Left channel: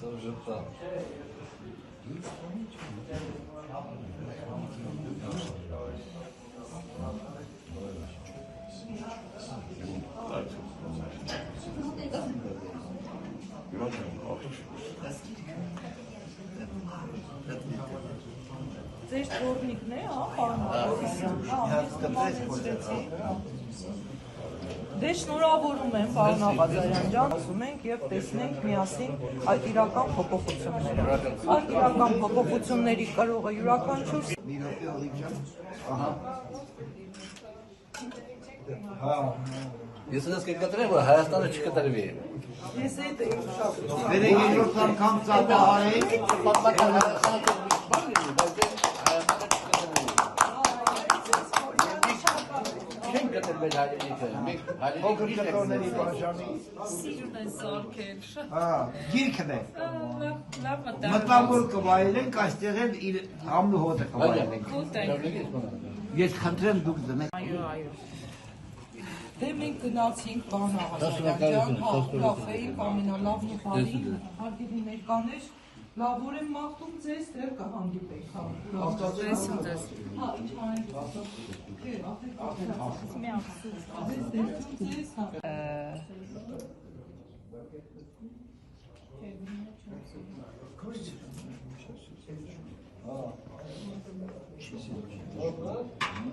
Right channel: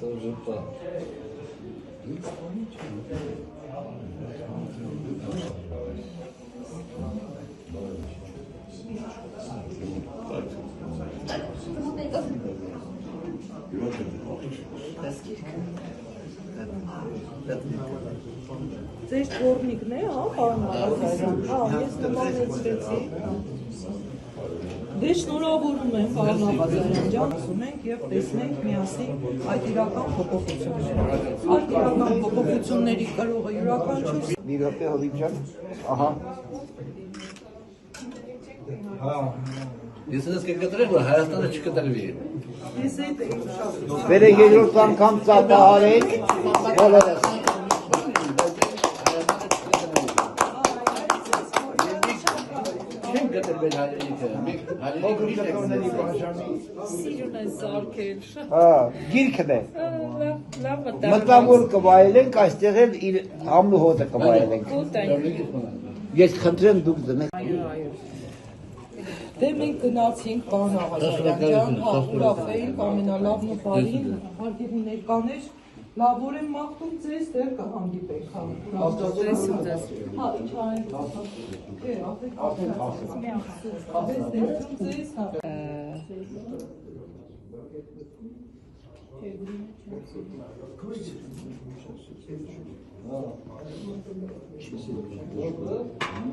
Тоже так. Ձեր թորնիկն է, Դե շնորհավորում եմ, պարոն Աղազարյան ջան, ասում ենք եւ տեսնենք միասին այդ իրական փոփոխությունները։ Այդ իրական փոփոխությունների կարող է յուրաքանչյուր Մի րոպե Հովիջան, ահա։ Ես ես կկտրեմ, որ Հայաստանը չկտրվի։ ես այդ Վերը երրորդ անգամ ծափահարենք, բոլորս։ Փոքր կտրոնների բաժանի։ սիրուն է զարքել։ Հա, գիրքն է։ Լավ Մտավոր կվայելենք, այստեղ էլ իր համն ու հոտը կվայելենք։ Ես խնդրեմ դուք դնեք։ Այո։ Դե մենք գնացինք պարոն Աղազարյան ջան, ուրախ էինք ամենալավն ու բարին, հարգելի ներկաներ, լավոր եմ մաղթում ձեզ, դեռ կհանդիպենք